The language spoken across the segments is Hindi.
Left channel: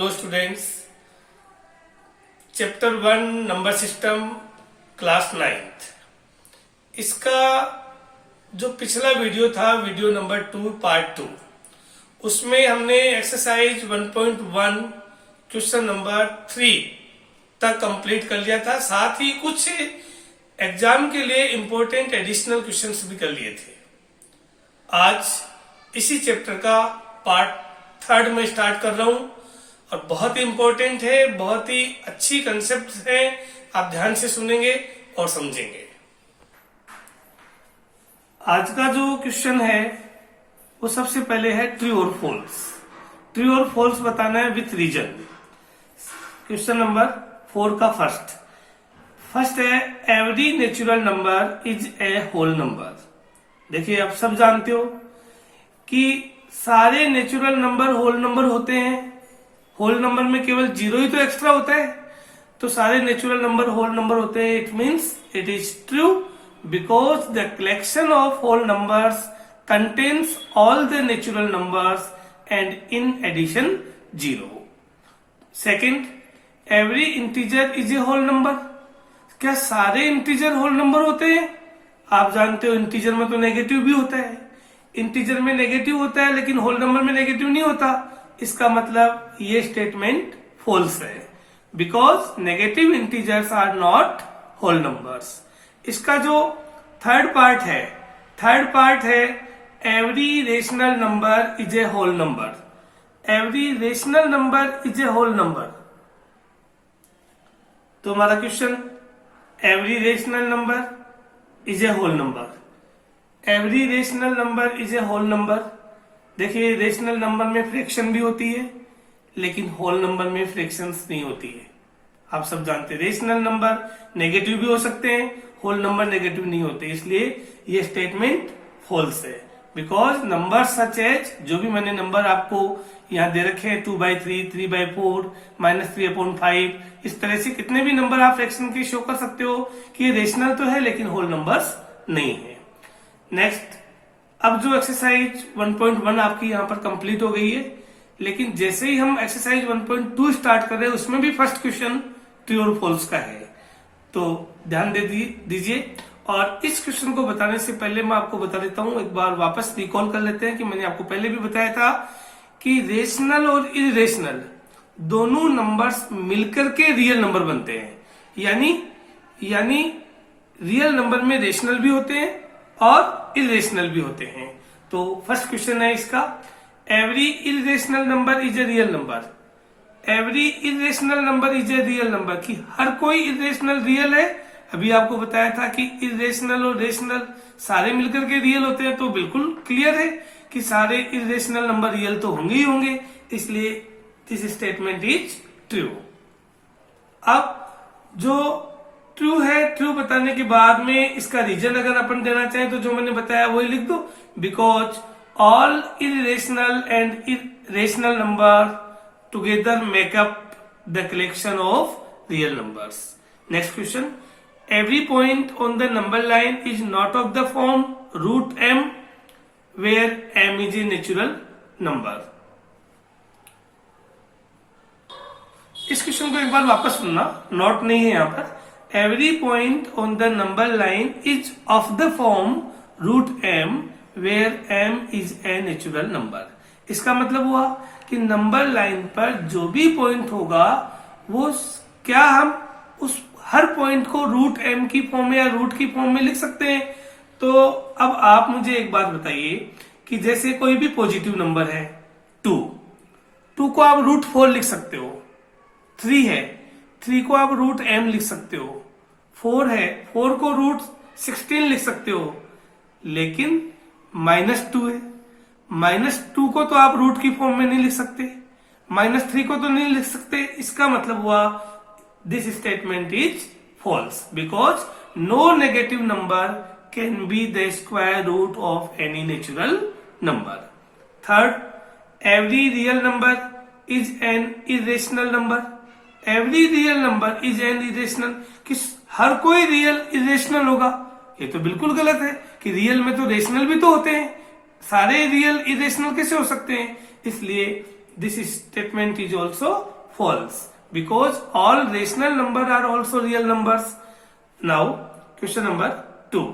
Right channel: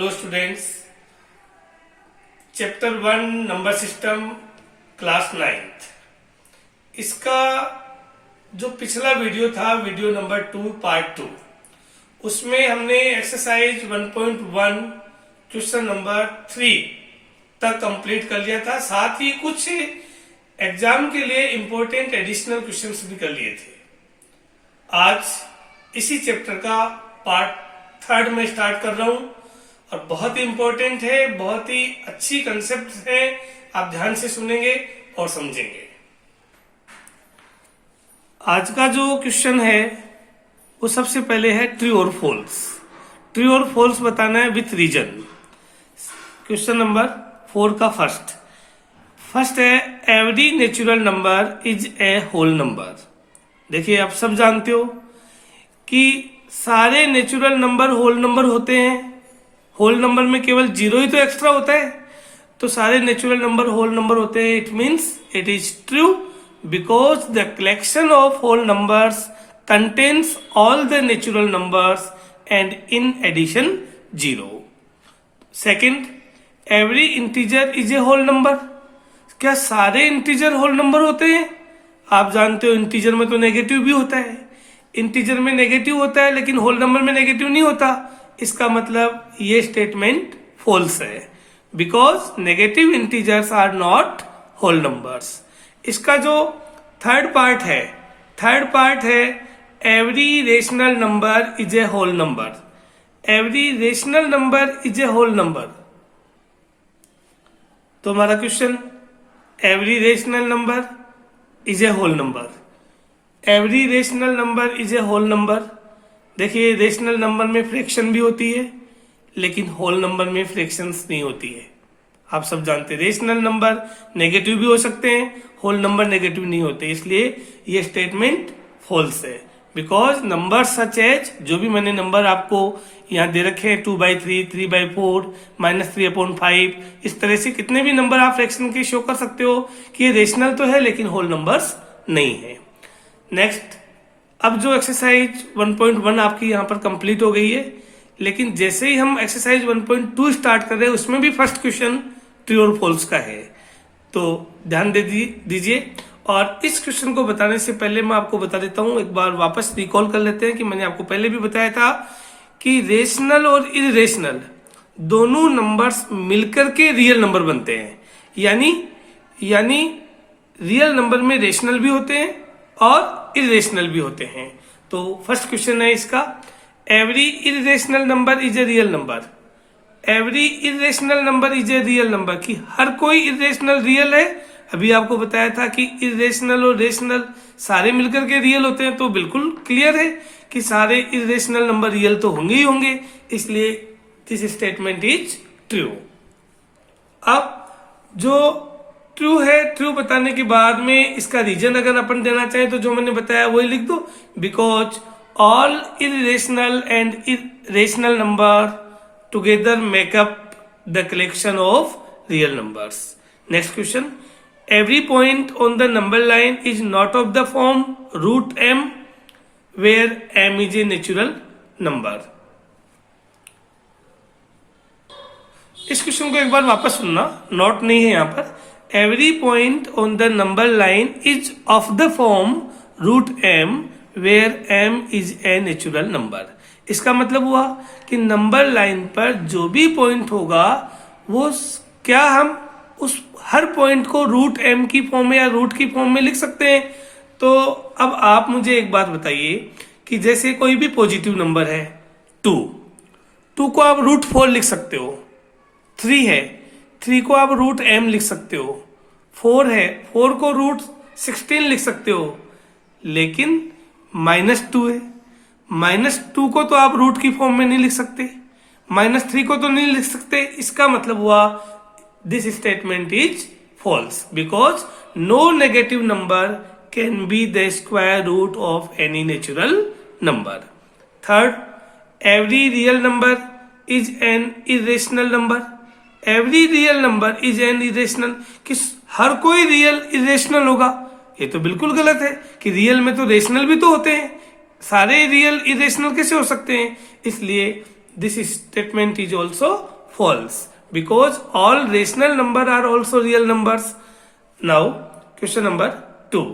Hello students. Chapter 1 number system class 9th, इसका जो पिछला वीडियो था वीडियो नंबर 2 पार्ट 2, उसमें हमने एक्सरसाइज 1.1 क्वेश्चन नंबर 3 तक कंप्लीट कर लिया था। साथ ही कुछ एग्जाम के लिए इंपॉर्टेंट एडिशनल क्वेश्चंस भी कर लिए थे। आज इसी चैप्टर का पार्ट 3 में स्टार्ट कर रहा हूं और बहुत ही इंपॉर्टेंट है, बहुत ही अच्छी कंसेप्ट है। आप ध्यान से सुनेंगे और समझेंगे। आज का जो क्वेश्चन है वो सबसे पहले है ट्रू और फॉल्स। ट्रू और फॉल्स बताना है विथ रीजन। क्वेश्चन नंबर 4 का फर्स्ट है every natural number is a whole number. देखिए, आप सब जानते हो कि सारे नेचुरल नंबर होल नंबर होते हैं। होल नंबर में केवल 0 ही तो एक्स्ट्रा होता है, तो सारे नेचुरल नंबर होल नंबर होते हैं। It means it is true because the collection of whole numbers contains all the natural numbers and in addition 0। Second, every integer is a whole number. क्या सारे इंटीजर होल नंबर होते हैं? आप जानते हो इंटीजर में तो नेगेटिव भी होता है। इंटीजर में नेगेटिव होता है लेकिन होल नंबर में नेगेटिव नहीं होता। इसका मतलब ये स्टेटमेंट फॉल्स है, because negative integers are not whole numbers. इसका जो थर्ड पार्ट है every rational number is a whole number. Every rational number is a whole number. तो हमारा question, every rational number is a whole number. Every rational number is a whole number. देखिए, रेशनल नंबर में फ्रैक्शन भी होती है लेकिन होल नंबर में फ्रैक्शंस नहीं होती है। आप सब जानते हैं रेशनल नंबर नेगेटिव भी हो सकते हैं, होल नंबर नेगेटिव नहीं होते। इसलिए ये स्टेटमेंट फॉल्स है, बिकॉज नंबर सच एज, जो भी मैंने नंबर आपको यहाँ दे रखे हैं 2/3, 3/4, -3/5, इस तरह से कितने भी नंबर आप फ्रैक्शन के शो कर सकते हो कि ये रेशनल तो है लेकिन होल नंबर्स नहीं है। नेक्स्ट, अब जो एक्सरसाइज 1.1 आपकी यहाँ पर कंप्लीट हो गई है, लेकिन जैसे ही हम एक्सरसाइज 1.2 स्टार्ट कर रहे हैं उसमें भी फर्स्ट क्वेश्चन ट्रू और फॉल्स का है, तो ध्यान दे दीजिए। और इस क्वेश्चन को बताने से पहले मैं आपको बता देता हूँ, एक बार वापस रिकॉल कर लेते हैं कि मैंने आपको पहले भी बताया था कि रेशनल और इरेशनल दोनों नंबर्स मिलकर के रियल नंबर बनते हैं। यानी रियल नंबर में रेशनल भी होते हैं और इरेशनल भी होते हैं। तो फर्स्ट क्वेश्चन है इसका, every irrational number is a real number. Every irrational number is a real number, कि हर कोई इरेशनल रियल है। अभी आपको बताया था कि इरेशनल और रेशनल सारे मिलकर के रियल होते हैं, तो बिल्कुल क्लियर है कि सारे इरेशनल नंबर रियल तो होंगे ही होंगे, इसलिए दिस स्टेटमेंट इज ट्रू। अब जो ट्रू है, ट्रू बताने के बाद में इसका रीजन अगर अपन देना चाहें तो जो मैंने बताया वही लिख दो, because all irrational and rational number together make up the collection of real numbers. Next question, every point on the number line is not of the form √m where m is a natural number. इस क्वेश्चन को एक बार वापस सुनना, नॉट नहीं है यहाँ पर। Every point on the number line is of the form √m where m is a natural number. इसका मतलब हुआ कि नंबर लाइन पर जो भी पॉइंट होगा वो क्या हम उस हर पॉइंट को √m की फॉर्म में या रूट की फॉर्म में लिख सकते हैं। तो अब आप मुझे एक बात बताइए कि जैसे कोई भी पॉजिटिव नंबर है 2 को आप √4 लिख सकते हो। 3 है, 3 को आप √m लिख सकते हो। 4 है, 4 को √16 लिख सकते हो। लेकिन -2 है, -2 को तो आप रूट की फॉर्म में नहीं लिख सकते, -3 को तो नहीं लिख सकते। इसका मतलब हुआ this statement is false, because no negative number can be the square root of any natural number. Third, every real number is an irrational number. Every real number is an irrational, कि हर कोई रियल इरेशनल होगा, ये तो बिल्कुल गलत है कि रियल में तो रेशनल भी तो होते हैं। सारे रियल इरेशनल कैसे हो सकते हैं? इसलिए this statement is also false because all rational number are also real numbers. Now question number 2.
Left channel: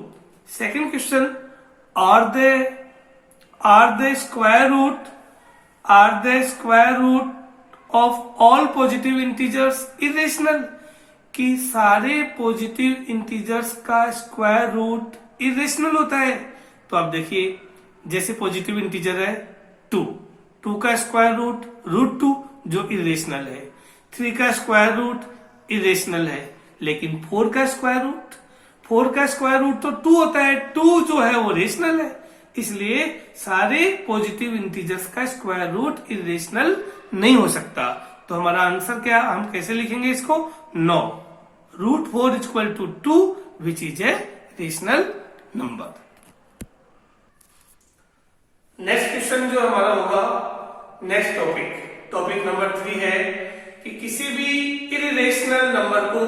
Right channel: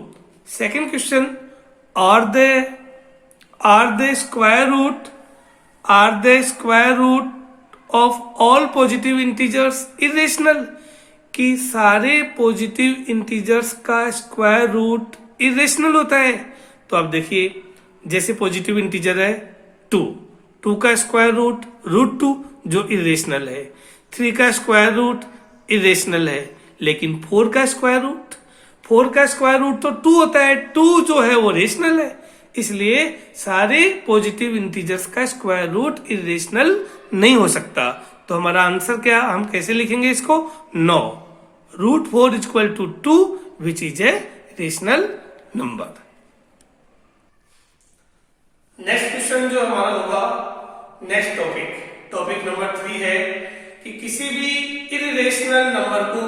Second question, are the square root of all positive integers irrational? कि सारे पॉजिटिव इंटीजर्स का स्क्वायर रूट इरेशनल होता है। तो आप देखिए, जैसे पॉजिटिव इंटीजर है 2 का स्क्वायर रूट 2 जो इरेशनल है, 3 का स्क्वायर रूट इरेशनल है, लेकिन 4 का स्क्वायर रूट तो 2 होता है, 2 जो है वो रेशनल है। इसलिए सारे पॉजिटिव इंटीजर्स का स्क्वायर रूट इरेशनल नहीं हो सकता। तो हमारा आंसर क्या, हम कैसे लिखेंगे इसको? No, √4 = 2 which is a rational number. Next question जो हमारा होगा, नेक्स्ट टॉपिक नंबर 3 है कि किसी भी इरेशनल नंबर को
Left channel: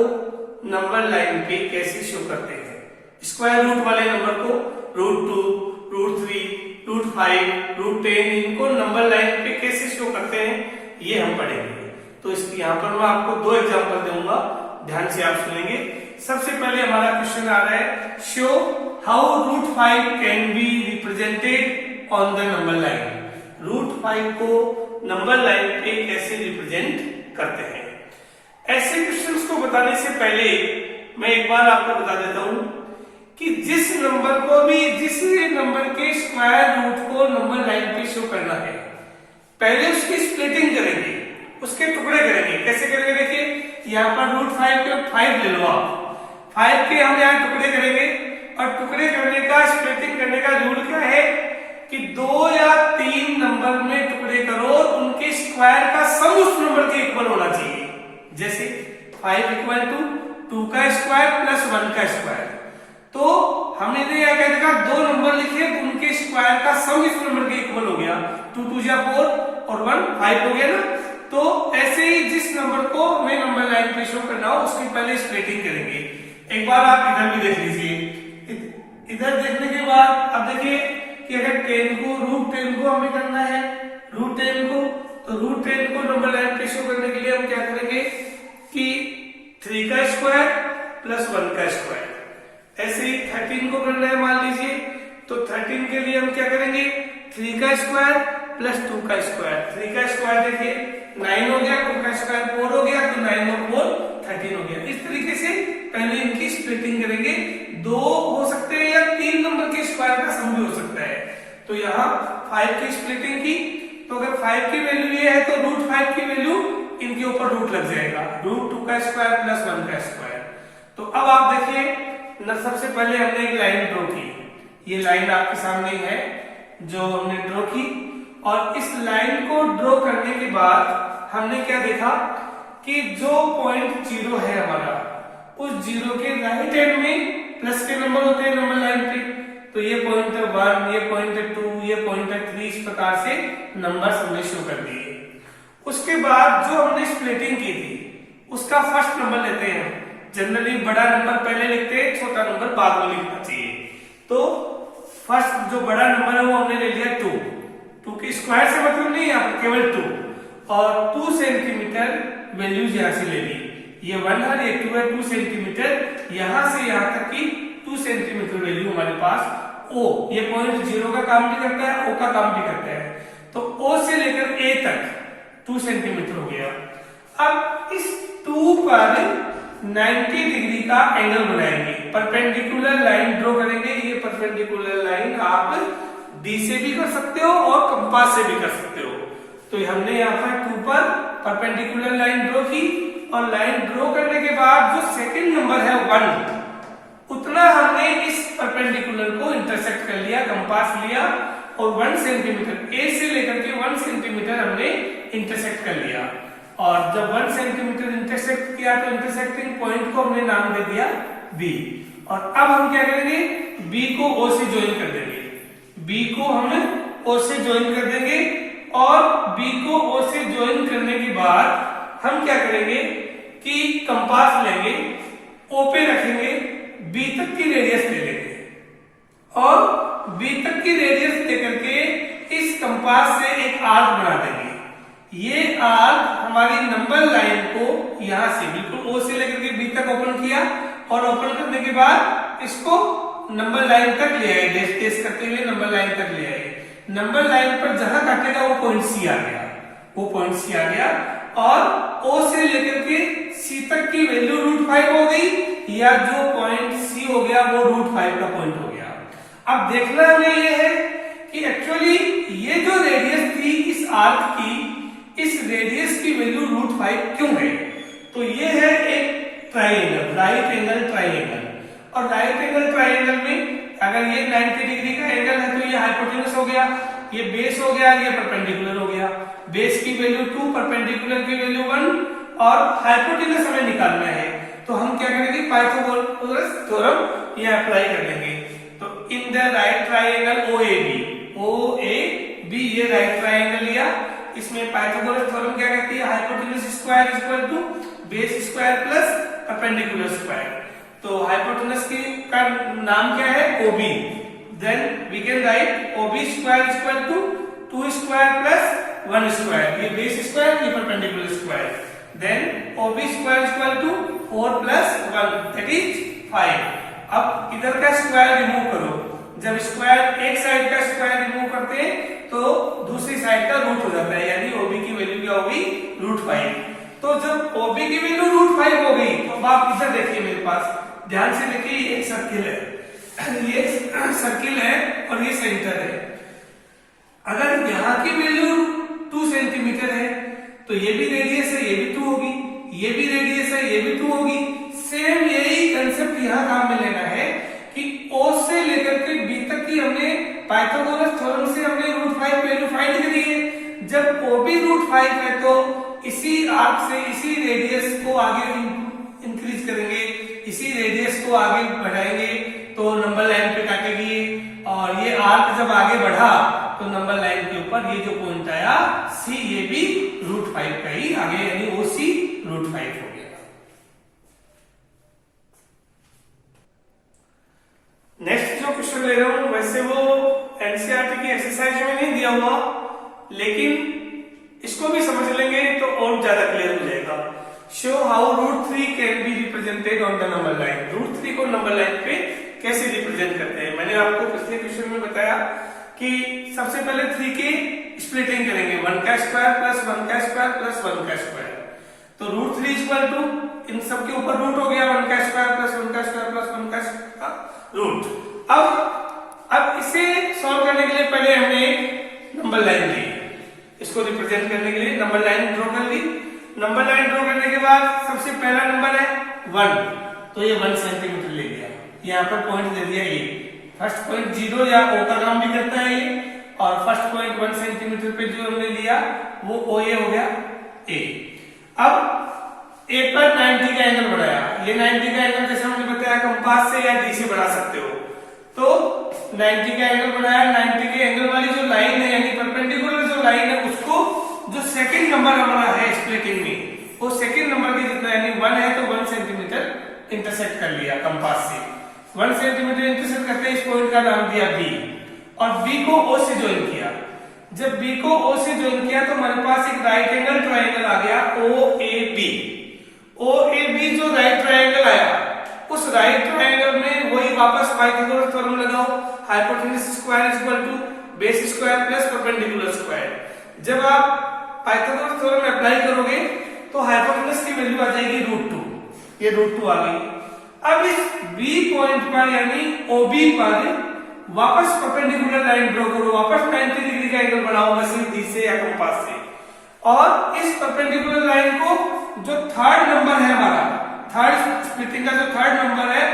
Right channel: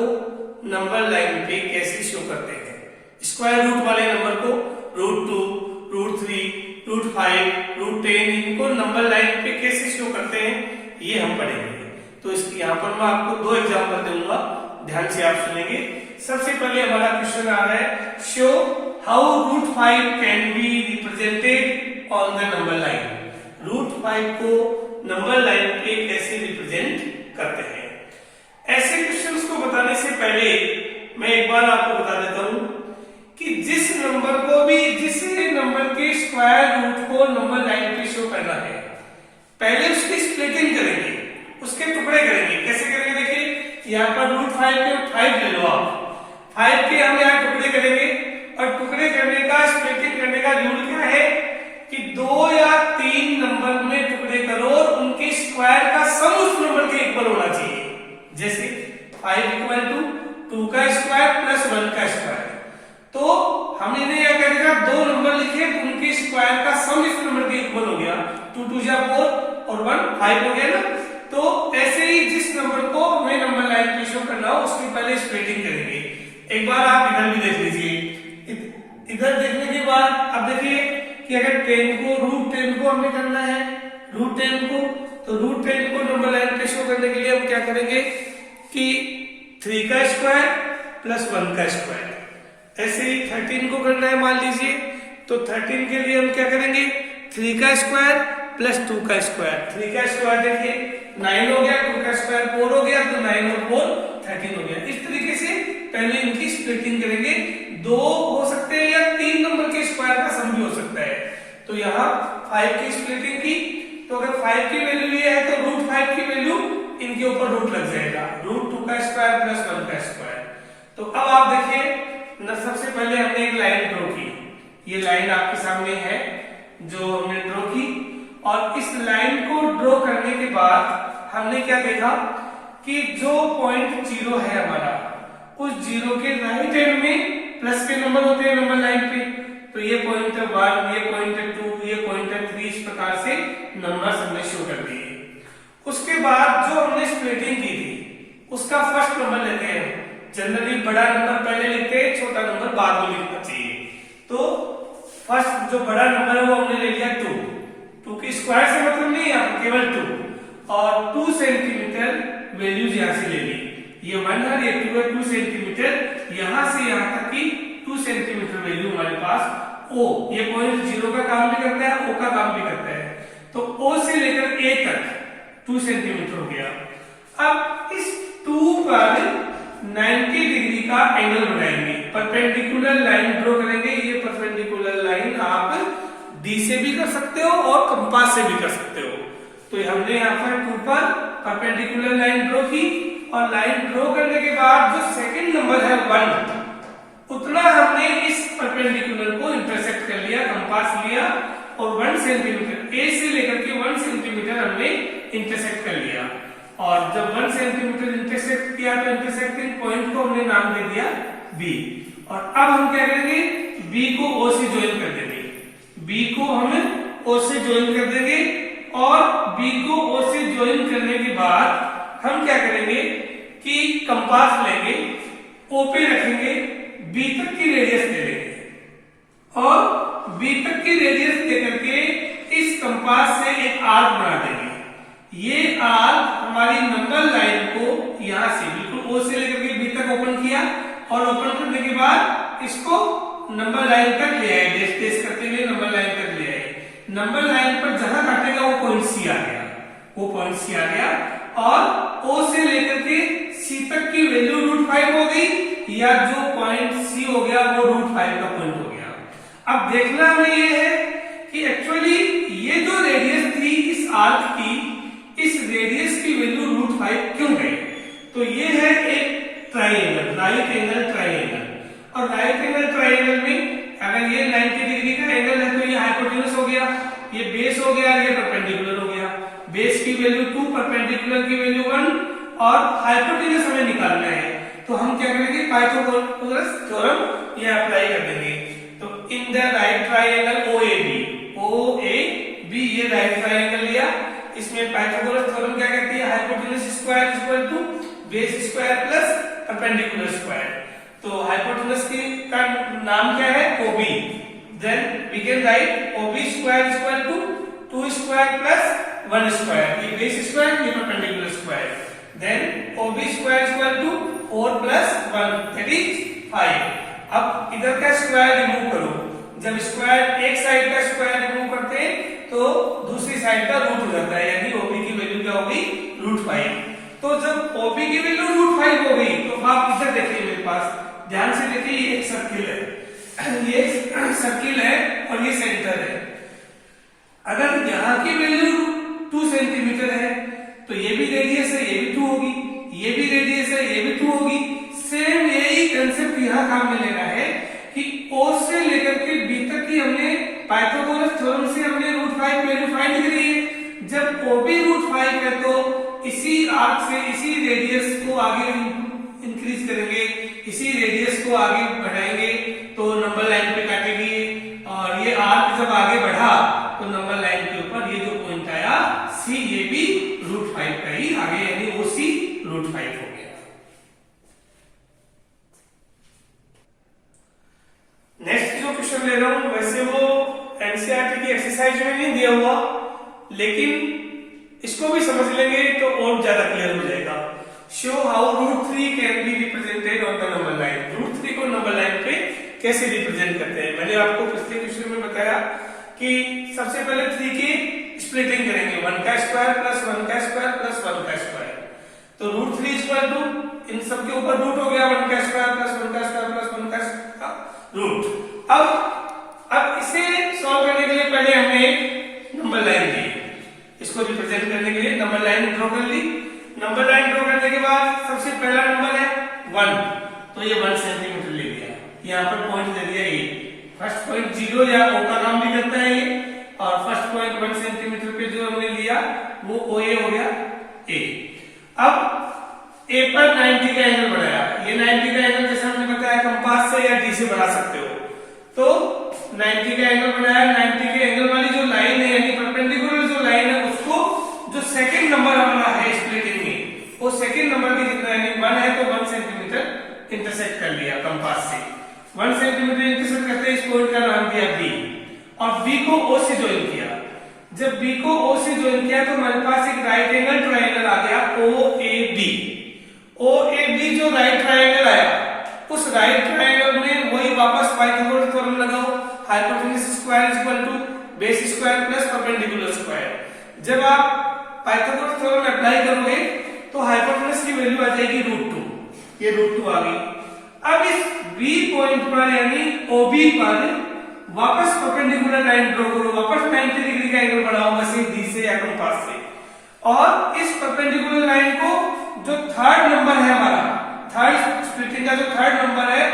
नंबर लाइन पे कैसे शो करते हैं। स्क्वायर रूट वाले नंबर को √2, √3, √5, √10 इनको नंबर लाइन पे कैसे शो करते हैं ये हम पढ़ेंगे। तो इसकी यहाँ पर मैं आपको 2 एग्जांपल दूंगा, ध्यान से आप सुनेंगे। सबसे पहले हमारा क्वेश्चन आ रहा है, show how √5 can be represented on the number line. √5 को नंबर लाइन पे कैसे रिप्रेजेंट करते हैं। ऐसे क्वेश्चंस को बताने से पहले मैं एक बार आपको बता देता हूं कि जिस नंबर के स्क्वायर रूट को नंबर लाइन पे शो करना है, पहले उसकी स्प्लिटिंग करेंगे, उसके टुकड़े करेंगे। कैसे करेंगे? देखिए, यहाँ पर √5 के 5 ले लो आप, 5 के हम यहाँ टुकड़े करेंगे, और टुकड़े करने का, स्प्लिटिंग करने का रूल क्या है कि 2 या 3 नंबर में टुकड़े करो, उनके स्क्वायर का सम उस नंबर के इक्वल होना चाहिए। जैसे 5 = 2 का स्क्वायर प्लस 1 का स्क्वायर। तो हमने यहाँ क्या देखा, 2 नंबर लिखे, उनके स्क्वायर का सम इस नंबर के इक्वल हो गया। 2 × 2 = 4 और 1 5 हो गया ना। तो ऐसे ही जिस नंबर को हमें नंबर लाइन पे शो करना हो, उसकी पहले स्प्लिटिंग करेंगे। एक बार आप इधर भी देख लीजिए। इधर देखने के बाद अब देखिए कि अगर 10 को √10 को हमें करना है, √10 को, तो √10 को नंबर लाइन पे शो करने के लिए हम क्या करेंगे कि 3 का स्क्वायर प्लस 1 का स्क्वायर। ऐसे ही 13 को करना है, मान लीजिए, तो 13 के लिए हम क्या करेंगे, 3 का स्क्वायर प्लस 2 का स्क्वायर। 3 का स्क्वायर देखिए 9 हो गया, 2 का स्क्वायर 4 हो गया, तो 9 और 4 13 हो गया। इस तरीके से पहले इनकी स्प्लिटिंग करेंगे। 2 हो सकते हैं या 3 नंबर के स्क्वायर का सम भी हो सकता है। तो यहाँ 5 की स्प्लिटिंग की, तो अगर 5 की वैल्यू ये है तो √5 की वैल्यू इनके ऊपर रूट लग जाएगा, √2 का स्क्वायर प्लस 1 का स्क्वायर। तो अब आप देखिए, सबसे पहले हमने एक लाइन ड्रॉ की, ये लाइन आपके सामने है जो हमने ड्रॉ की, और इस लाइन को ड्रॉ करने के बाद हमने क्या देखा कि जो पॉइंट 0 है हमारा, उस 0 के राइट हैंड में प्लस के नंबर होते हैं नंबर लाइन पे। तो ये पॉइंट है 1, ये पॉइंट है 2, ये पॉइंट है 3, इस प्रकार से नंबर हमने शो कर दिए। उसके बाद जो हमने स्प्लिटिंग की थी, उसका फर्स्ट नंबर लेते हैं। जनरली बड़ा नंबर पहले लिखते हैं, छोटा नंबर बाद में लिखना चाहिए। तो फर्स्ट जो बड़ा नंबर है वो हमने ले लिया 2 के स्क्वायर से मतलब नहीं है, केवल 2, और 2 सेंटीमीटर वैल्यूज यहाँ से ले ली। ये 1 है, ये 2 है, 2 सेंटीमीटर, यहाँ से यहाँ तक की 2 सेंटीमीटर वैल्यू हमारे पास। O, ये पॉइंट 0 का काम भी करता है, O का काम भी करता है। तो O से लेकर A तक 2 सेंटीमीटर हो गया। अब इस 2 पर 90 डिग्री का एंगल बनाएंगे, परपेंडिकुलर लाइन ड्रॉ करेंगे। ये परपेंडिकुलर लाइन आप डी से भी कर सकते हो और कंपास से भी कर सकते हो। तो हमने यहाँ पर 2 पर परपेंडिकुलर लाइन ड्रॉ की, और लाइन ड्रॉ करने के बाद जो सेकंड नंबर है 1, उतना हमने इस परपेंडिकुलर को इंटरसेक्ट कर लिया, कंपास लिया, और 1 सेंटीमीटर ए से लेकर के 1 सेंटीमीटर हमने इंटरसेक्ट कर लिया। और जब 1 सेंटीमीटर इंटरसेक्ट किया तो इंटरसेक्टिंग पॉइंट को हमने नाम दे दिया बी। और अब हम क्या करेंगे, बी को ओ से ज्वाइन कर देंगे, बी को हम ओ से ज्वाइन कर देंगे। और बी को ओ से ज्वाइन करने के बाद हम क्या करेंगे कि कंपास लेंगे, ओ पे रखेंगे, बी तक की रेडियस ले लेंगे, और बी तक की रेडियस लेकर के इस कंपास से एक आर्क बना देंगे। ये आर्क हमारी नंबर लाइन को यहां से बिल्कुल ओ से लेकर के बी तक ओपन किया और ओपन करने के बाद इसको नंबर लाइन तक ले आए, डेश डेश करते हुए नंबर लाइन तक ले आए। नंबर लाइन पर जहां काटेगा वो पॉइंट सी आ गया, वो पॉइंट सी आ गया और ओ से लेकर के सी तक की वैल्यू √5 हो गई या जो पॉइंट सी हो गया वो √5 का पॉइंट हो गया। अब देखना हमें ये है कि एक्चुअली ये जो रेडियस थी इस आर्क की, इस रेडियस की वैल्यू √5 क्यों गई? तो ये है एक ट्राइंगल, राइट एंगल ट्राइंगल, और राइट एंगल ट्राइंगल में अगर ये 90 डिग्री का एंगल है तो ये हाइपोटेनस हो गया, ये बेस हो गया, ये परपेंडिकुलर हो गया। बेस की वैल्यू 2, परपेंडिकुलर की वैल्यू 1 और हाइपोटेनस हमें निकालना है, तो हम क्या करेंगे, पाइथागोरस थ्योरम ये अप्लाई कर देंगे। तो in the right triangle OAB, ये राइट ट्राइंगल लिया, इसमें पाइथागोरस थ्योरम क्या कहती है, hypotenuse square equal to base square plus perpendicular square. तो हाइपोटेनस की का नाम क्या है, OB, then we can write OB square equal to 2 square plus 1 square, ये बेस स्क्वायर, ये perpendicular square, then OB square equal to 4 plus 1 that is 5। अब इधर का स्क्वायर रिमूव करो, जब स्क्वायर एक साइड का स्क्वायर रिमूव करते हैं तो दूसरी साइड का रूट हो जाता है, यानी OB की वैल्यू क्या होगी, √5। तो जब OB की वैल्यू √5 हो गई तो आप इधर देखिए, मेरे पास ध्यान से देखिए, ये एक सर्किल है, ये सर्किल है और ये सेंटर है। अगर यहाँ की वैल्यू 2 सेंटीमीटर है तो ये भी रेडियस है, ये भी 2 होगी, ये भी रेडियस है, ये भी 2 होगी। सेम यही कंसेप्ट यहाँ काम में लेना है कि O से लेकर के B तक की हमने पाइथागोरस थ्योरम से हमने √5 वैल्यू फाइंड करी है। जब OB √5 है तो इसी आर्क से इसी रेडियस को आगे इंक्रीज करेंगे, इसी रेडियस को आगे बढ़ाएंगे तो नंबर लाइन पे काटेगी, और ये आर्क जब आगे बढ़ा तो नंबर लाइन के ऊपर ये जो पॉइंट आया C, ये भी √5 का ही आगे, यानी OC √5 हो गया। नेक्स्ट जो क्वेश्चन ले रहा हूं वैसे वो एनसीईआरटी की एक्सरसाइज में नहीं दिया हुआ, लेकिन इसको भी समझ लेंगे तो और ज्यादा क्लियर हो जाएगा। Show how √3 can be represented on the number line, √3 को नंबर लाइन पे कैसे रिप्रेजेंट करते हैं। मैंने आपको पिछले क्वेश्चन में बताया कि सबसे पहले 3 की स्प्लिटिंग करेंगे, 1 का स्क्वायर प्लस 1 का स्क्वायर प्लस 1 का स्क्वायर, तो √3 इक्वल टू इन सब के ऊपर रूट हो गया, 1 का स्क्वायर प्लस 1 का स्क्वायर प्लस 1 का रूट। अब इसे सॉल्व करने के लिए पहले हमने नंबर लाइन ली, इसको रिप्रेजेंट करने के लिए नंबर लाइन ड्रॉ कर ली। नंबर लाइन ड्रॉ करने के बाद सबसे पहला नंबर है 1, तो ये 1 सेंटीमीटर ले लिया, यहाँ पर पॉइंट दे दिया ए, फर्स्ट पॉइंट 0 या O का नाम भी करता है ये, और फर्स्ट पॉइंट 1 सेंटीमीटर पे जो हमने लिया वो OA हो गया A। अब A पर 90 का एंगल बढ़ाया, ये 90 का एंगल जैसे हमने बताया कंपास से या D से बढ़ा सकते हो, तो 90 का एंगल बनाया, 90 के एंगल वाली जो लाइन है यानी परपेंडिकुलर जो लाइन है उसको जो सेकंड नंबर हमारा है स्प्लिटिंग में, वो सेकंड नंबर के जितना यानी 1 है तो 1 सेंटीमीटर इंटरसेक्ट कर लिया कंपास से, 1 सेंटीमीटर इंटरसेक्ट करते इस पॉइंट का नाम दिया B, और B को O से ज्वाइन किया। जब B को O से ज्वाइन किया तो हमारे पास एक राइट एंगल ट्राइंगल आ गया OAB। OAB जो राइट ट्राइंगल आया, उस राइट ट्राइंगल में वही वापस पाइथागोरस थ्योरम लगाओ, hypotenuse square equal to base square plus perpendicular square. जब आप पाइथागोरस थ्योरम अप्लाई करोगे तो हाइपोटेनस की वैल्यू आ जाएगी √2, ये √2 आ गई। अब इस B पॉइंट पर यानी OB पर वापस परपेंडिकुलर लाइन ड्रॉ करो, वापस 90 डिग्री का एंगल बनाओ मशीन D से या कंपास से, और इस परपेंडिकुलर लाइन को जो थर्ड नंबर है हमारा, थर्ड स्प्लिटिंग का जो थर्ड नंबर है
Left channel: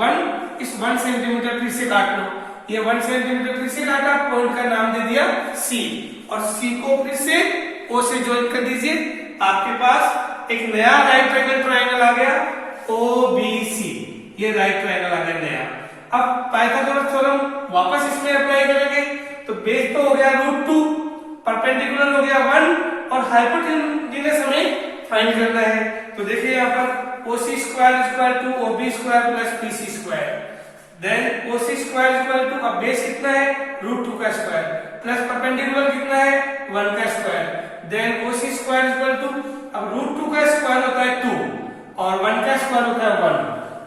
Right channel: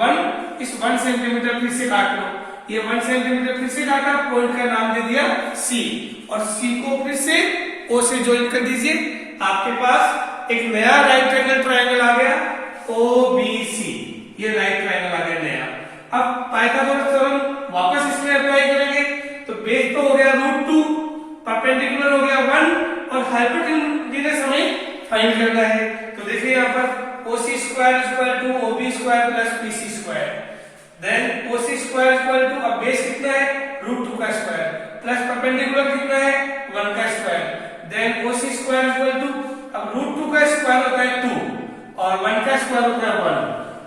1, इस 1 सेंटीमीटर फिर से काट लो, ये 1 सेंटीमीटर फिर से काटा, पॉइंट का नाम दे दिया C, और C को फिर से O से ज्वाइन कर दीजिए, आपके पास एक नया राइट एंगल ट्राइंगल आ गया OBC, ये राइट ट्राइंगल आ गया नया। अब पाइथागोरस थ्योरम वापस इसमें अप्लाई करेंगे तो बेस तो हो गया √2, परपेंडिकुलर हो गया 1, और हाइपोटेनस हमें फाइंड करना है। तो देखिए यहाँ पर OC square equal to OB square plus PC square, then OC square equal to, अब बेस कितना है √2 का स्क्वायर, प्लस परपेंडिकुलर कितना है 1 का square, then OC square equal to, अब रूट 2 का स्क्वायर होता है 2 और 1 का स्क्वायर होता है 1,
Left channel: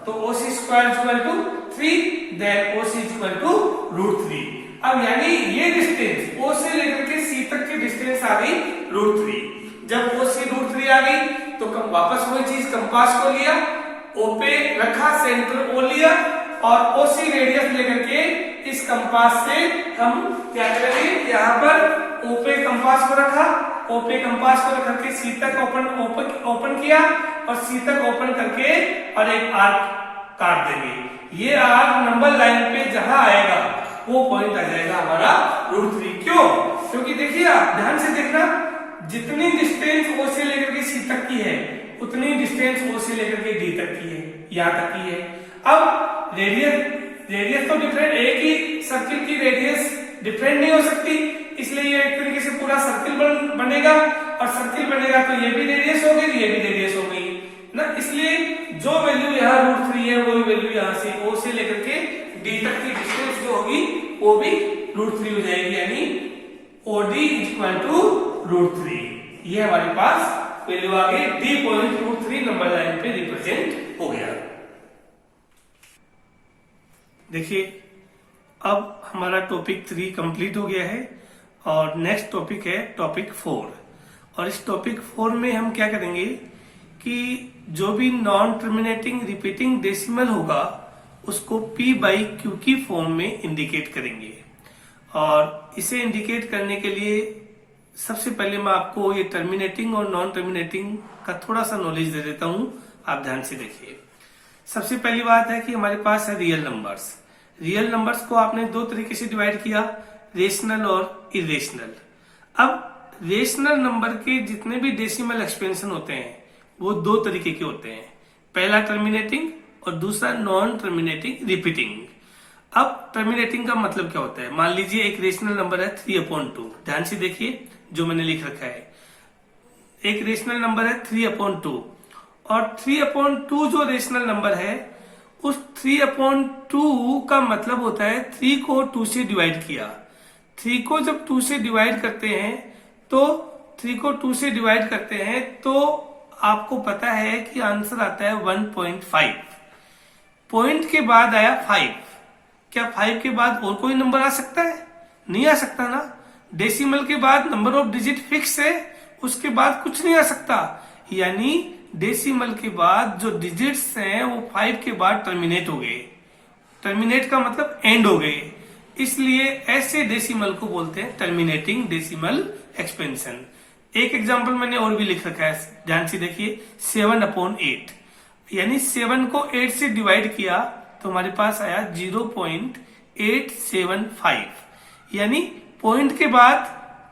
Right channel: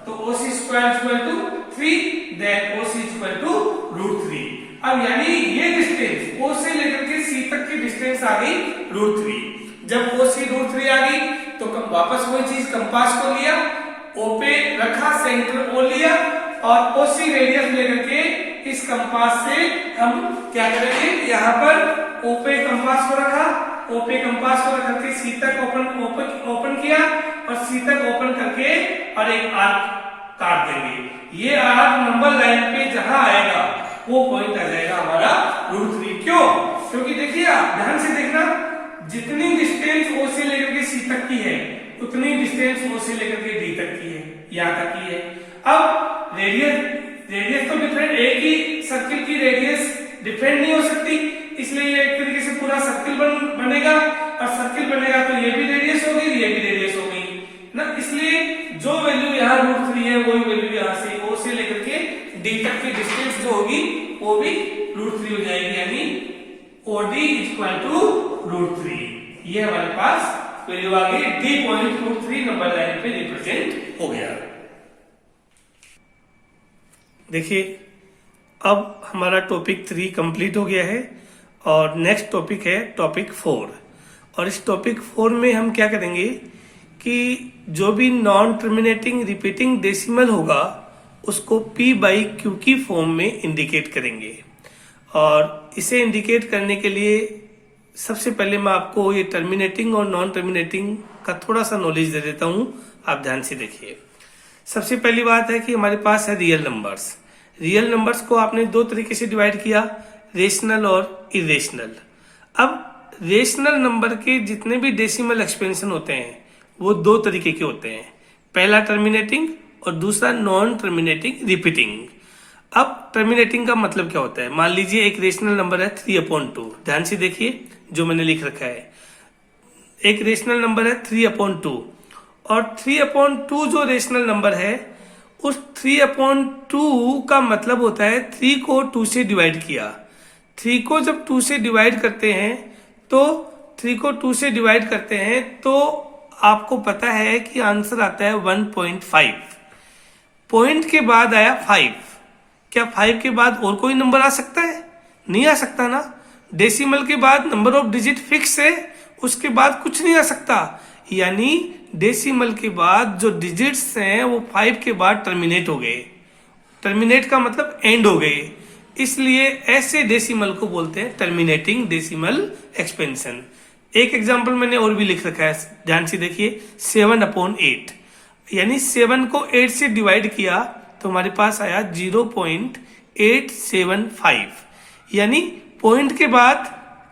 तो OC square equal to 3, then OC equal to root 3। अब यानी ये डिस्टेंस ओ से लेकर के सी तक की डिस्टेंस आ गई रूट 3। जब ओ सी रूट 3 आ गई तो वापस वही चीज कंपास को लिया, ओ पे रखा, सेंटर ओ लिया और ओसी रेडियस लेकर के इस कंपास से हम क्या करेंगे, यहाँ पर ओ पे कंपास को रखा, ओ पे कंपास को रख के सी तक ओपन किया और सी तक ओपन करके और एक आर्क काट देंगे। ये आर्क नंबर लाइन पे जहां आएगा वो पॉइंट आ जाएगा हमारा रूट 3। क्यों? क्योंकि देखिए आप ध्यान से देखना, जितनी डिस्टेंस ओ से लेकर के सी तक की है उतनी डिस्टेंस ओ से लेकर के डी तक की है, यहां तक की है। अब रेडियस तो डिफरेंट, एक ही सर्किल की रेडियस डिफरेंट नहीं हो सकती, इसलिए ये एक तरीके से पूरा सर्किल बनेगा और सर्किल बनेगा तो ये भी रेडियस हो गई, ये भी रेडियस हो गई ना। इसलिए जो वैल्यू यहाँ रूट 3 है वही वैल्यू यहाँ से ओ से लेकर के डी तक की डिस्टेंस जो होगी वो भी रूट 3 हो जाएगी, यानी ओडी इक्वल टू रूट 3। ये हमारे पास वैल्यू आ गई, D point root 3 number line पे रिप्रेजेंट हो गया। देखिए अब हमारा टॉपिक 3 कंप्लीट हो गया है और नेक्स्ट टॉपिक है टॉपिक 4। और इस टॉपिक 4 में हम क्या करेंगे कि जो भी नॉन टर्मिनेटिंग रिपीटिंग डेसिमल होगा उसको P बाई क्यू की फॉर्म में इंडिकेट करेंगे। और इसे इंडिकेट करने के लिए सबसे पहले मैं आपको ये टर्मिनेटिंग और नॉन टर्मिनेटिंग का थोड़ा सा नॉलेज दे देता हूं, आप ध्यान से देखिए। सबसे पहली बात है कि हमारे पास है रियल नंबर्स। रियल नंबर्स को आपने दो तरीके से डिवाइड किया, रेशनल और इरेशनल। अब रेशनल नंबर के जितने भी डेसिमल एक्सपेंशन होते हैं वो दो तरीके के होते हैं, पहला टर्मिनेटिंग और दूसरा नॉन टर्मिनेटिंग रिपीटिंग। अब टर्मिनेटिंग का मतलब क्या होता है, मान लीजिए एक रेशनल नंबर है 3/2, ध्यान से देखिए जो मैंने लिख रखा है, एक रेशनल नंबर है 3/2 और 3/2 जो रेशनल नंबर है उस 3/2 का मतलब होता है 3 को 2 से डिवाइड किया। 3 को जब 2 से डिवाइड करते हैं तो 3 को 2 से डिवाइड करते हैं तो आपको पता है कि आंसर आता है 1.5। पॉइंट के बाद आया 5। क्या 5 के बाद और कोई नंबर आ सकता है? नहीं आ सकता ना। डेसिमल के बाद नंबर ऑफ डिजिट फिक्स है, उसके बाद कुछ नहीं आ सकता। यानी डेसिमल के बाद जो डिजिट्स हैं वो 5 के बाद टर्मिनेट हो गए। टर्मिनेट का मतलब एंड हो गए, इसलिए ऐसे डेसिमल को बोलते हैं टर्मिनेटिंग डेसिमल एक्सपेंशन। एक एग्जांपल मैंने और भी लिख रखा है, ध्यान से देखिए, 7/8, यानी 7 को 8 से डिवाइड किया तो हमारे पास आया 0.875, यानी पॉइंट के बाद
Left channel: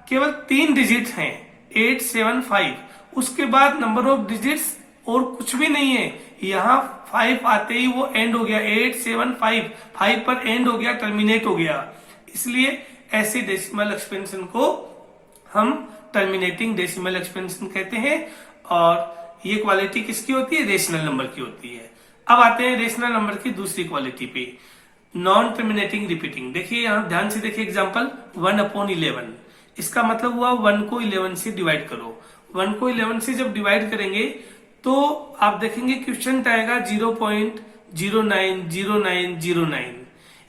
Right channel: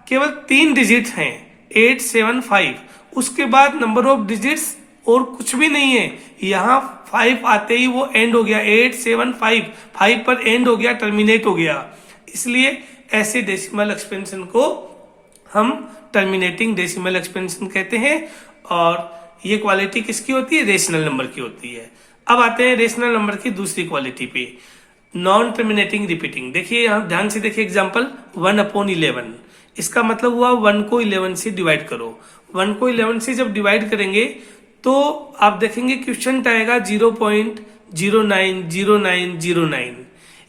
केवल 3 डिजिट हैं 875, उसके बाद नंबर ऑफ डिजिट्स और कुछ भी नहीं है। यहाँ 5 आते ही वो एंड हो गया, 875 5 पर एंड हो गया, टर्मिनेट हो गया। इसलिए ऐसे डेसिमल एक्सपेंशन को हम टर्मिनेटिंग डेसिमल एक्सपेंशन कहते हैं। और ये क्वालिटी किसकी होती है? रेशनल नंबर की होती है। अब आते हैं रेशनल नंबर की दूसरी क्वालिटी पे, नॉन टर्मिनेटिंग रिपीटिंग। देखिए यहाँ ध्यान से देखिए एग्जांपल 1/11, इसका मतलब हुआ 1 को 11 से डिवाइड करो। 1 को 11 से जब डिवाइड करेंगे तो आप देखेंगे क्वेश्चन आएगा 0.090909,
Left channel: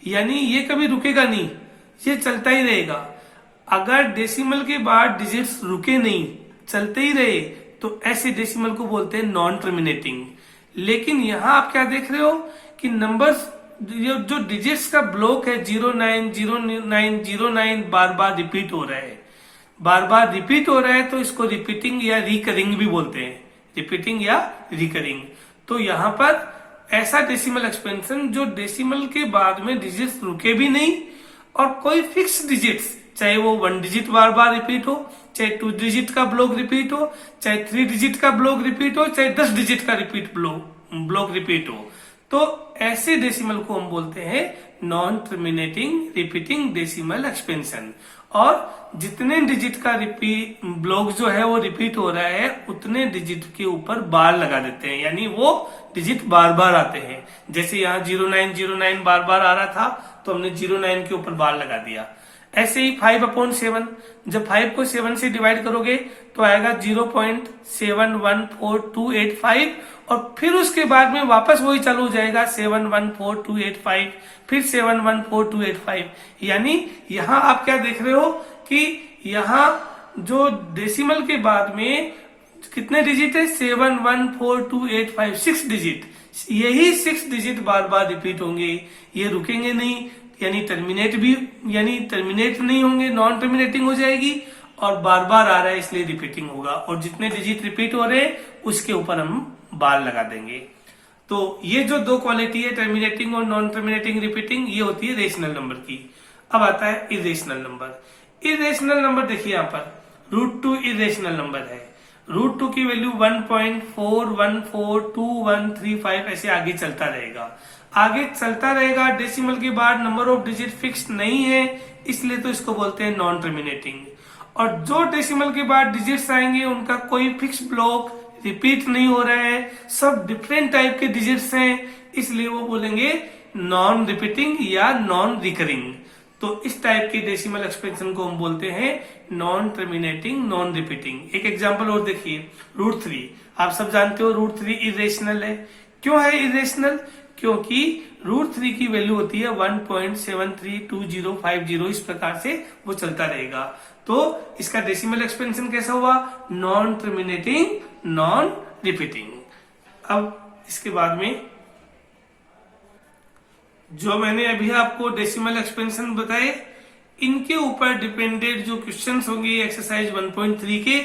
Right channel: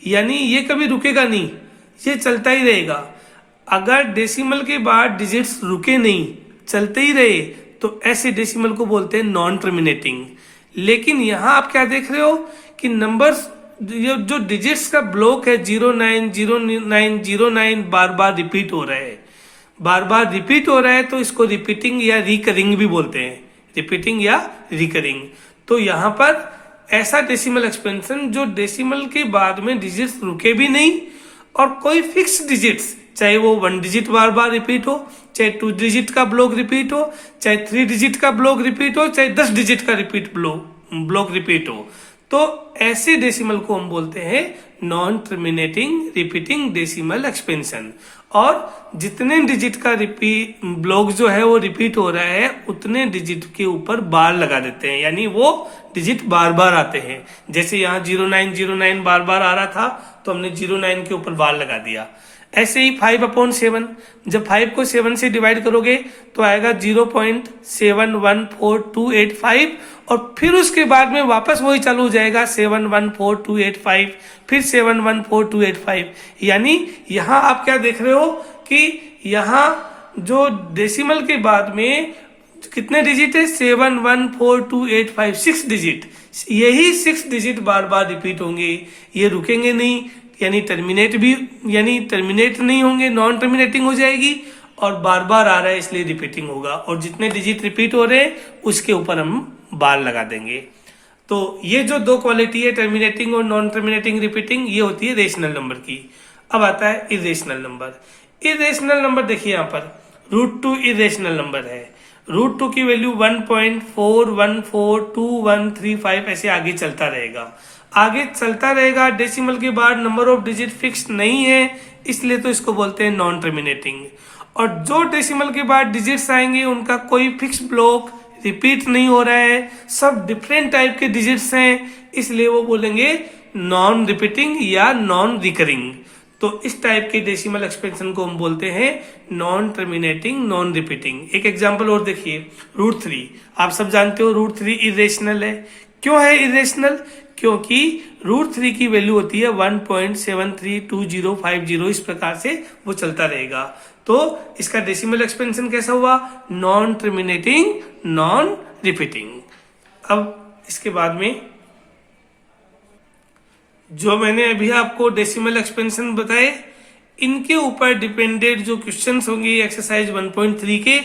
यानी ये कभी रुकेगा नहीं, ये चलता ही रहेगा। अगर डेसिमल के बाद डिजिट्स रुके नहीं, चलते ही रहे, तो ऐसे डेसिमल को बोलते हैं नॉन टर्मिनेटिंग। लेकिन यहां आप क्या देख रहे हो कि नंबर्स, जो डिजिट्स का ब्लॉक है 090909 बार बार रिपीट हो रहा है, बार बार रिपीट हो रहा है, तो इसको रिपीटिंग या रिकरिंग भी बोलते हैं, रिपीटिंग या रिकरिंग। तो यहाँ पर ऐसा डेसिमल एक्सपेंशन जो डेसिमल के बाद में डिजिट्स रुके भी नहीं और कोई फिक्स डिजिट्स, चाहे वो 1 डिजिट बार बार रिपीट हो, चाहे 2 डिजिट का ब्लॉक रिपीट हो, चाहे 3 डिजिट का ब्लॉक रिपीट हो, चाहे 10 डिजिट का ब्लॉक रिपीट हो, तो ऐसे डेसिमल को हम बोलते हैं non terminating repeating decimal expansion. और जितने डिजिट का ब्लॉक जो है वो रिपीट हो रहा है उतने डिजिट के ऊपर बार लगा देते हैं, यानी वो डिजिट बार बार आते हैं। जैसे यहाँ 0909 बार बार आ रहा था तो हमने 09 के ऊपर बार लगा दिया। ऐसे ही 5/7, जब 5 को 7 से डिवाइड करोगे तो आएगा 0.714285, और फिर उसके बाद में वापस वही चालू हो जाएगा 714285, फिर 714285। यानी यहाँ आप क्या देख रहे हो कि यहाँ जो डेसिमल के बाद में कितने डिजिट है, 714285, 6 डिजिट। यही 6 डिजिट बार बार रिपीट होंगे, ये रुकेंगे नहीं, यानी टर्मिनेट नहीं होंगे, नॉन टर्मिनेटिंग हो जाएगी, और बार बार आ रहा है इसलिए रिपीटिंग होगा, और जितने डिजिट रिपीट हो रहे हैं उसके ऊपर हम बार लगा देंगे। तो ये जो दो क्वालिटी है, टर्मिनेटिंग और नॉन टर्मिनेटिंग रिपीटिंग, ये होती है रेशनल नंबर की। अब आता है इरेशनल नंबर। इरेशनल नंबर देखिए यहाँ पर √2 इरेशनल नंबर है। √2 की वैल्यू 1.4142135 ऐसे आगे चलता रहेगा। डेसिमल के बाद नंबर ऑफ डिजिट फिक्स नहीं है, इसलिए तो इसको बोलते हैं नॉन टर्मिनेटिंग। और जो डेसिमल के बाद डिजिट्स आएंगे उनका कोई फिक्स ब्लॉक रिपीट नहीं हो रहा है, सब डिफरेंट टाइप के डिजिट्स हैं, इसलिए वो बोलेंगे नॉन रिपीटिंग या नॉन रिकरिंग। तो इस टाइप के डेसिमल एक्सपेंशन को हम बोलते हैं नॉन टर्मिनेटिंग, नॉन रिपीटिंग। एक एग्जांपल और देखिए, √3। आप सब जानते हो √3 इरेशनल है। क्यों है इरेशनल? क्योंकि √3 की वैल्यू होती है 1.732050, इस प्रकार से वो चलता रहेगा। तो इसका डेसिमल एक्सपेंशन कैसा हुआ? Non terminating, non repeating. अब इसके बाद में जो मैंने अभी आपको डेसिमल एक्सपेंशन बताए, इनके ऊपर डिपेंडेड जो क्वेश्चंस होंगे एक्सरसाइज 1.3 के,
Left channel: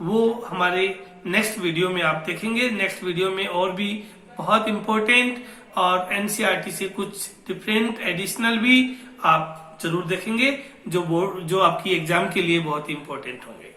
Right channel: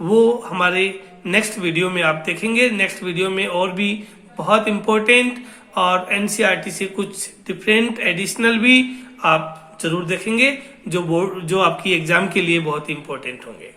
वो हमारे नेक्स्ट वीडियो में आप देखेंगे। नेक्स्ट वीडियो में और भी बहुत इंपॉर्टेंट और एनसीईआरटी से कुछ डिफरेंट एडिशनल भी आप जरूर देखेंगे, जो आपकी एग्जाम के लिए बहुत इंपॉर्टेंट होंगे।